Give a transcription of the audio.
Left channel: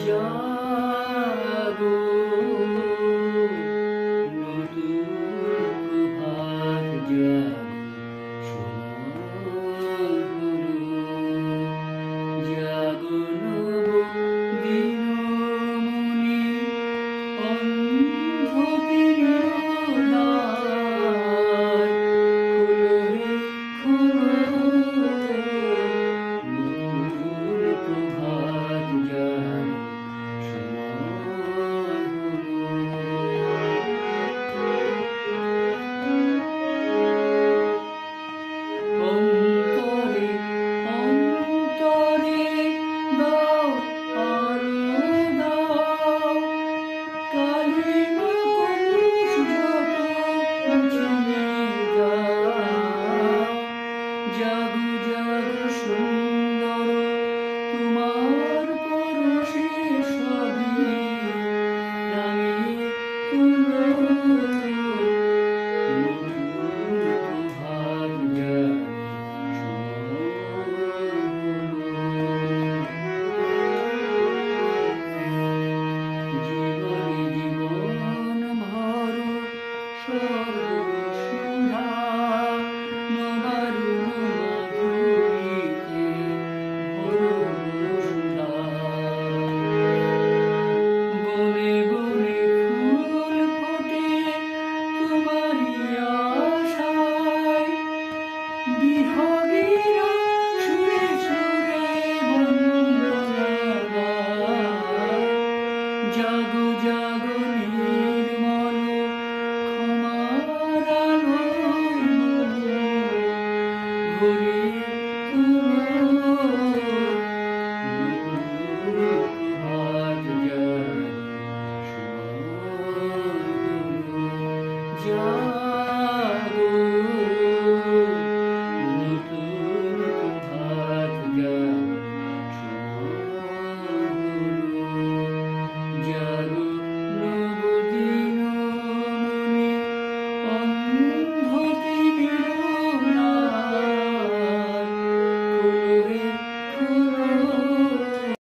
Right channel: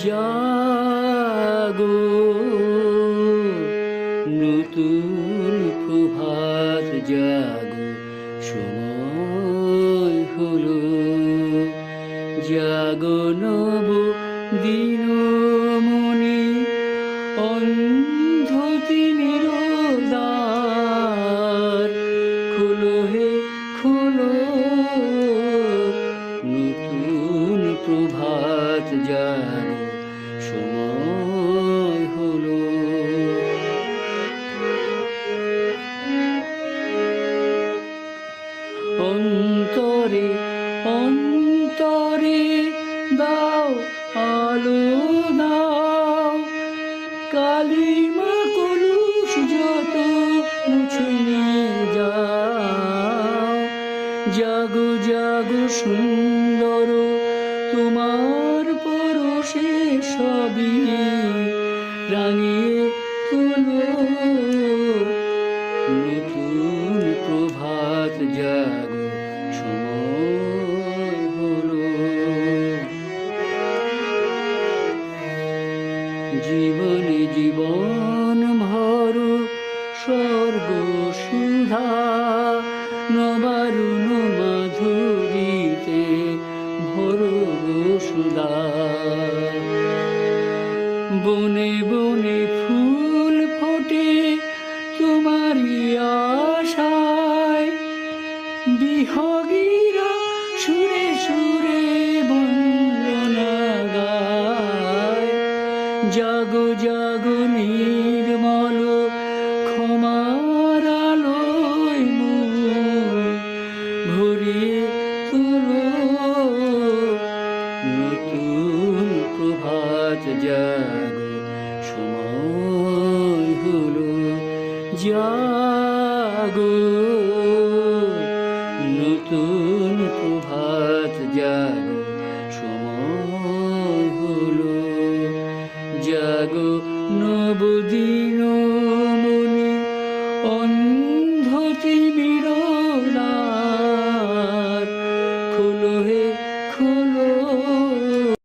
জাগো নতুন প্রভাত জাগো সময় হলো জাগো নব দিনমণি অন্ধ তিমির দ্বার খোলো হে খোলো নতুন প্রভাত জাগো সময় হলো অন্তরে অন্তরে দাও আলো দাও কালিমা কলুষ যত মুছে নিয়ে যাও জাগো জাগো সুন্দর তোমার পরশে সবই রাঙিয়ে তুলো নতুন প্রভাত জাগো সময় হলো জীবনে জীবন ভর স্বর্গ সুধা নবারুণ মাধুরীতে ভরব সুধা বনে বনে ফুল ফোটে তোমারই আশায় বিহগীরা সুরে সুরে বন্দনা গায় জাগো জাগো নির্মল ক্ষমার আলোয় ভরিয়ে তুলো নতুন প্রভাত জাগো সময় হলো জাগো নতুন